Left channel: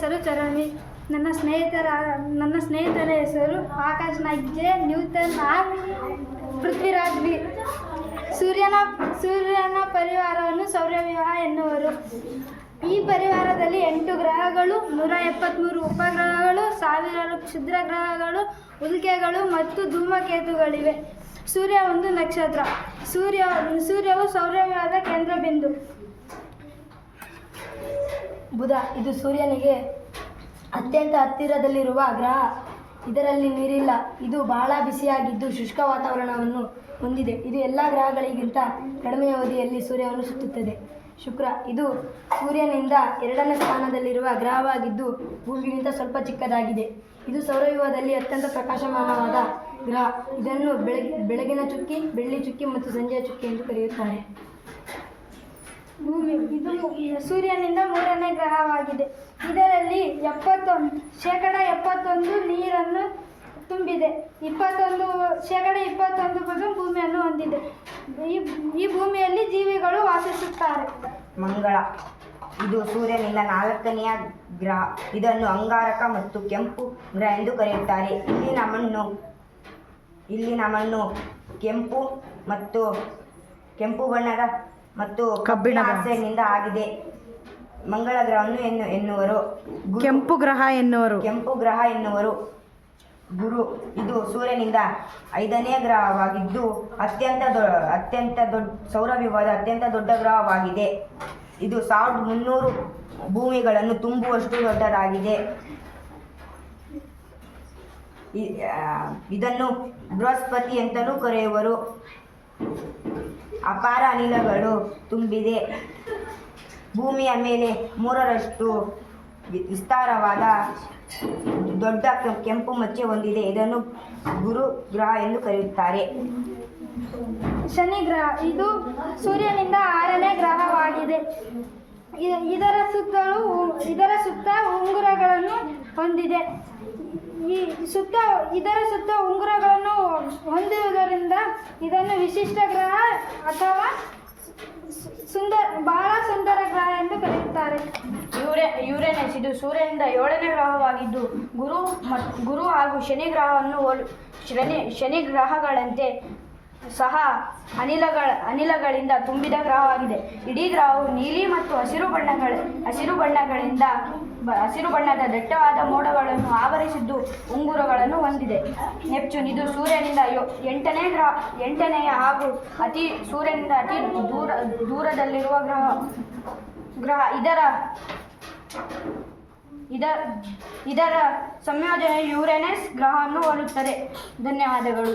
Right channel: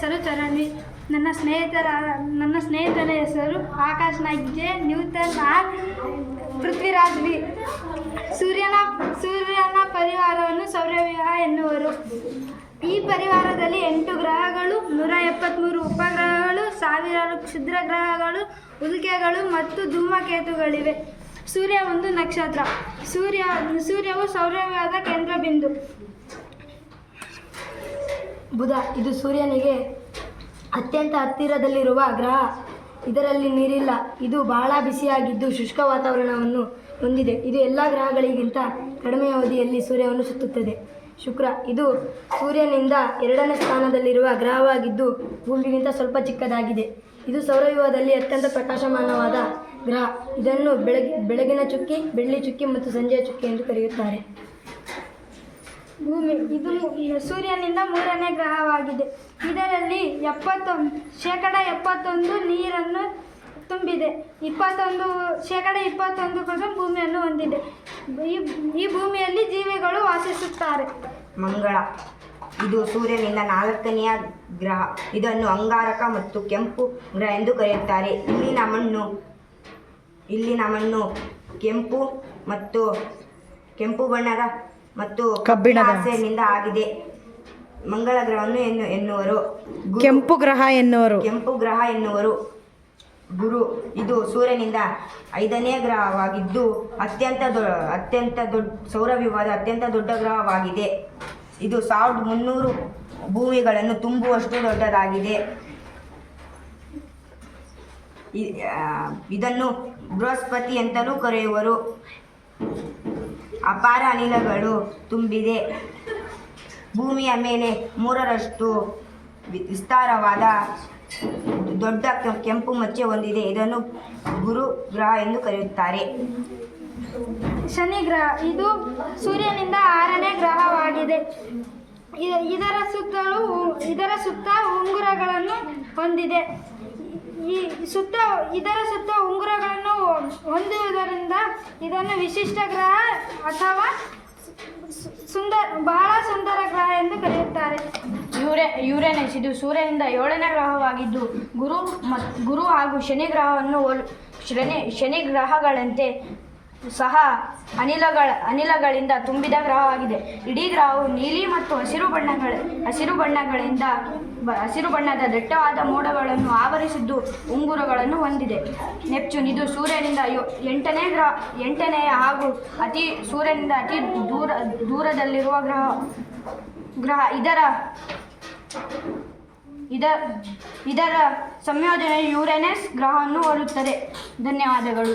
ಹೆಸರು ಚರಣ್ವಿ. ನನ್ನ ಸ್ನೇಹಿತರ ಹೆಸರು Akash Naik J, Newton R, Prithviraj V. ಸೂರ್ಯನ ಪರಿವಾರವನ್ನು ಸೌರವ್ಯೂಹ ಎನ್ನುವರು. ಈ ಪರಿವಾರದಲ್ಲಿ 8 ಗ್ರಹಗಳು, 173 ಉಪಗ್ರಹಗಳು, ಸಾವಿರಾರು ಕ್ಷುದ್ರ ಗ್ರಹಗಳು, ಉಲ್ಕೆಗಳು ಮತ್ತು ಧೂಮಕೇತುಗಳಿವೆ. ಸೂರ್ಯ ಒಂದು ನಕ್ಷತ್ರ. ಸೂರ್ಯವು ಸೌರವ್ಯೂಹದ ಕೇಂದ್ರಬಿಂದು. ಬುಧ ಇದು ಸೂರ್ಯನಿಗೆ ಅತ್ಯಂತ ಹತ್ತಿರದಲ್ಲಿರುವ ಗ್ರಹ. ಇದರಲ್ಲಿ ನೀರಿಲ್ಲ. ಇದು ಬಹಳ ಬಿಸಿಯಾಗಿದ್ದು ಶುಷ್ಕ ವಾತಾವರಣವನ್ನು ಹೊಂದಿದೆ. ಇದು ಎಲ್ಲ ಗ್ರಹಗಳಿಗಿಂತ ಕಡಿಮೆ ಅವಧಿಯಲ್ಲಿ ಸೂರ್ಯವನ್ನು ಸುತ್ತುತ್ತದೆ. ಶುಕ್ರ ಇದು ಸೂರ್ಯನಿಂದ 2ನೇ ಸ್ಥಾನದಲ್ಲಿರುವ ಗ್ರಹವಾಗಿದ್ದು ಭೂಮಿಗಿಂತ ಸ್ವಲ್ಪ ಚಿಕ್ಕದಾಗಿದೆ. ಇದು ಸೌರವ್ಯೂಹದಲ್ಲಿ ಅತ್ಯಂತ ಪ್ರಕಾಶಮಾನವಾದ ಗ್ರಹ. ಇದನ್ನು ಬೆಳಗಿನ ಚುಕ್ಕಿ, ಬೆಳ್ಳಿ ಚುಕ್ಕಿ ಮತ್ತು ಸಂಜೆಯ ಚುಕ್ಕಿ ಎಂದು ಕರೆಯುತ್ತಾರೆ. ಭೂಮಿ ಇದು ಸೂರ್ಯನಿಂದ 3ನೇ ಗ್ರಹವಾಗಿದೆ. ಇದರಲ್ಲಿ 71% ನೀರನ್ನು ತುಂಬಿದೆ. 21% ಭೂಮಿಯನ್ನು ಹೊಂದಿದೆ. ಈ ಭೂಮಿಯಲ್ಲಿ ಜೀವಿಗಳು ವಾಸಿಸುತ್ತಾರೆ. ಮಂಗಳ ಇದು ಸೂರ್ಯನಿಂದ 4ನೆಯ ಗ್ರಹ. ಇದನ್ನು ಅಂಗಾರಕ ಮತ್ತು ಕೆಂಪು ಗ್ರಹ ಎಂದು ಕರೆಯುತ್ತಾರೆ. ಇಲ್ಲಿನ ಮಣ್ಣು ಕೆಂಪು ಬಣ್ಣದ ಮತ್ತು ಕಬ್ಬಿಣ ಆಕ್ಸೈಡ್ನಿಂದ ಆಗಿದೆ. ಮಂಗಳ ಗ್ರಹವನ್ನು ಎನ್ನುವರು. ಕೆಂಪು ಗ್ರಹ ಎನ್ನುವರು. ಗುರು ಇದು ಸೂರ್ಯನಿಂದ 5ನೇ ಗ್ರಹವಾಗಿದ್ದು ಸೌರವ್ಯೂಹದ ಅತ್ಯಂತ ದೊಡ್ಡ ಗ್ರಹವಾಗಿದೆ. ಇದು 1300 ಭೂಮಿಗಳನ್ನು ತುಂಬುವಷ್ಟು ದೊಡ್ಡದಾಗಿದೆ. ಇದನ್ನು ಬೃಹಸ್ಪತಿ ಅಂತಲೂ ಕರೆಯುವರು. ಅಪಾರ ಅನಿಲಗಳು ತುಂಬಿದೆ. ಭೂಮಿಯ ಮೇಲೆ 3ರಷ್ಟು ವಿಸ್ತಾರವಾದ ದೊಡ್ಡ ಕೆಂಪು ಮಚ್ಚೆ ಹೊಂದಿದೆ. ಇದನ್ನು ಗುರು ಗ್ರಹ ಎಂದು ಕರೆಯುತ್ತಾರೆ. ಶನಿ ಗ್ರಹ ಇದು ಸೂರ್ಯನಿಂದ 6ನೇ ಗ್ರಹವಾಗಿದೆ. ಇದರ ಸುತ್ತ ಉಂಗುರಗಳನ್ನು ಹೊಂದಿದೆ. ಇದರ ಸುತ್ತ ಉಂಗುರಗಳನ್ನು ಹೊಂದಿರುವುದರಿಂದ ಇದನ್ನು ವಿಶಿಷ್ಟ ಗ್ರಹ ಅಥವಾ ಬಹಳ ಸುಂದರ ಗ್ರಹ ಎಂದು ಕರೆಯುತ್ತಾರೆ. ಯುರೇನಸ್ ಇದು ಸೂರ್ಯನಿಂದ 7ನೇ ಗ್ರಹವಾಗಿದ್ದು ಗುರು ಹಾಗೂ ಶನಿ ಗ್ರಹಗಳಂತೆ ಸಹ ಅನಿಲಗಳಿಂದ ತುಂಬಿದ ಗ್ರಹವಾಗಿದೆ. ಇಡೀ ಗ್ರಹವು ನೀಲಿ ಮತ್ತು ಹಸಿರು ಬಣ್ಣದ ದಟ್ಟವಾದ ಮೋಡಗಳನ್ನು ಆವರಿಸಿದ್ದು ಉಂಗುರಗಳನ್ನು ಹೊಂದಿದೆ. ನೆಪ್ಚೂನ್ ಇದು ಸೂರ್ಯನಿಂದ 8ನೇಯ ಹಾಗೂ ಸೂರ್ಯನಿಂದ ಅತಿ ದೂರದಲ್ಲಿರುವ ಗ್ರಹ. ಇದರ ಸಂಯೋಜನೆಯು ಯುರೇನಸ್ ಗ್ರಹವನ್ನು ಹೋಲುತ್ತದೆ. ಧನ್ಯವಾದಗಳು.